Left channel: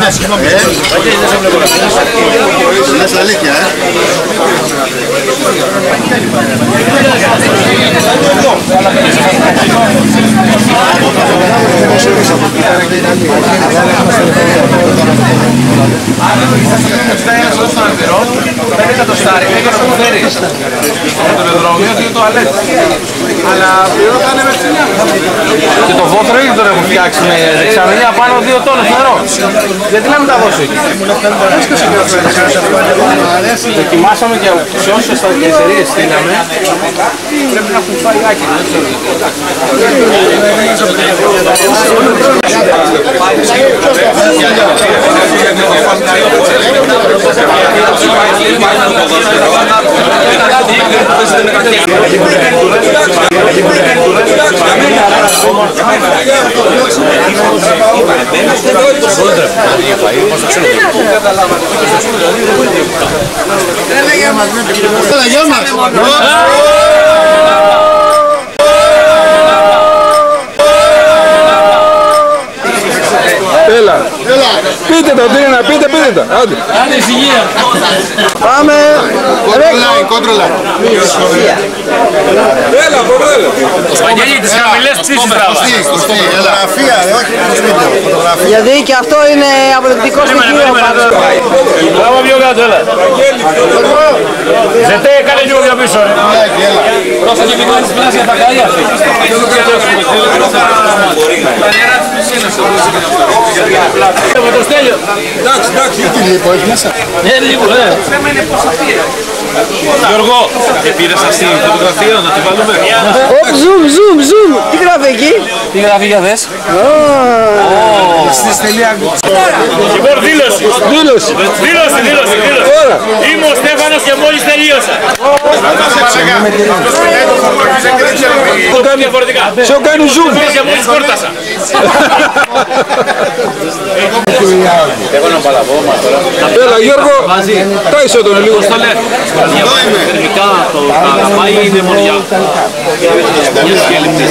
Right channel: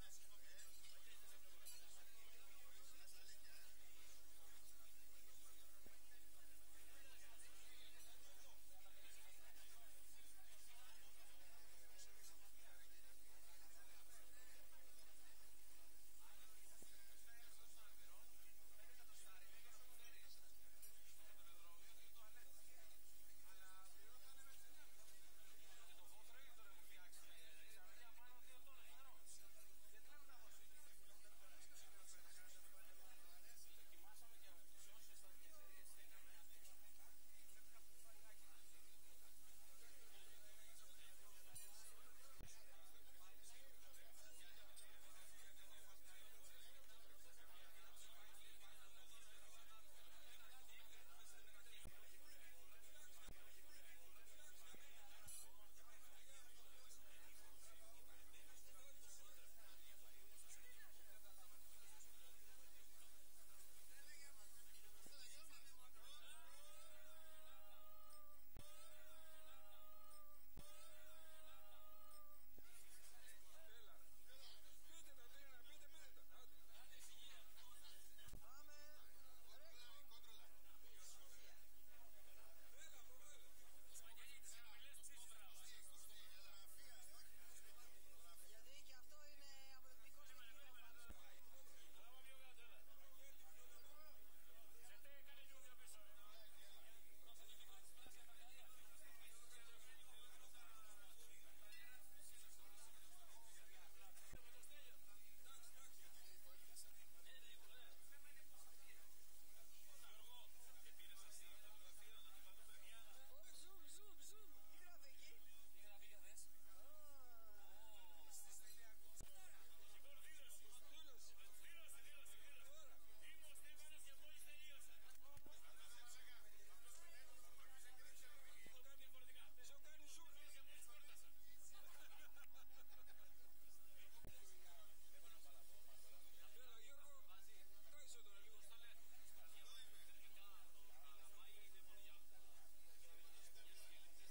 Ναι, συγγνώμη. Λες αλήθεια, Και το βόθρο ήδη τον έχουν φτιάξει με δεξαμενία πάνω 2 τόνους νερό. Γιατί να μην τα δώσω εκεί. Δοκιμάσαμε και σε όσες εταιρείες στείλαμε. Πρέπει να έχουν φάει άκυρο. Γεια μας! Έλα, πείτε το τι είναι να πείτε, πείτε το. Άντε. Άντε ησυχία. Πάμε. Κόντρολα. Έλα, έλα. Βαγγέλη, τις χαμηλές ψήσεις τράβα. Φωτογραφία, όχι φωτογραφία. Γιατί και αυτό είναι αποδεικτικό στοιχείο. Τράβα πιο κάτω, έλα. Ζετέ, κάνε λίγο πιο πίσω. Πρόσεχε μην κάνεις πλάσια τα καλιά. Με το Στέλιο. Εντάξει, τι λίπο έχει μέσα. Ναι, λίγο, ναι. Γιώργο, και πήρες αυτή τη φωτογραφία να τη βάλουμε. Zoom. Τι γράφει εκεί? Τι γράφει για δες. Λοιπόν, δήλωση. Είμαι ο Στέφανος και μόλις τελείωσα. Σε κάνει zoom. Και μόλις κόρτασα. Έλα Γιώργο, τάισε τον λίγο. Πώς το λένε. Θερμικά το αγαπάει είναι μοριά. Πολύ σκέλεπτες.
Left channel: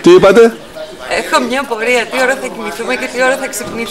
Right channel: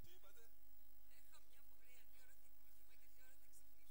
Τι είπατε? Έχω μια πορεία, τι ώρα θα κοιμηθούμε και τι ώρα θα ξυπνήσουμε.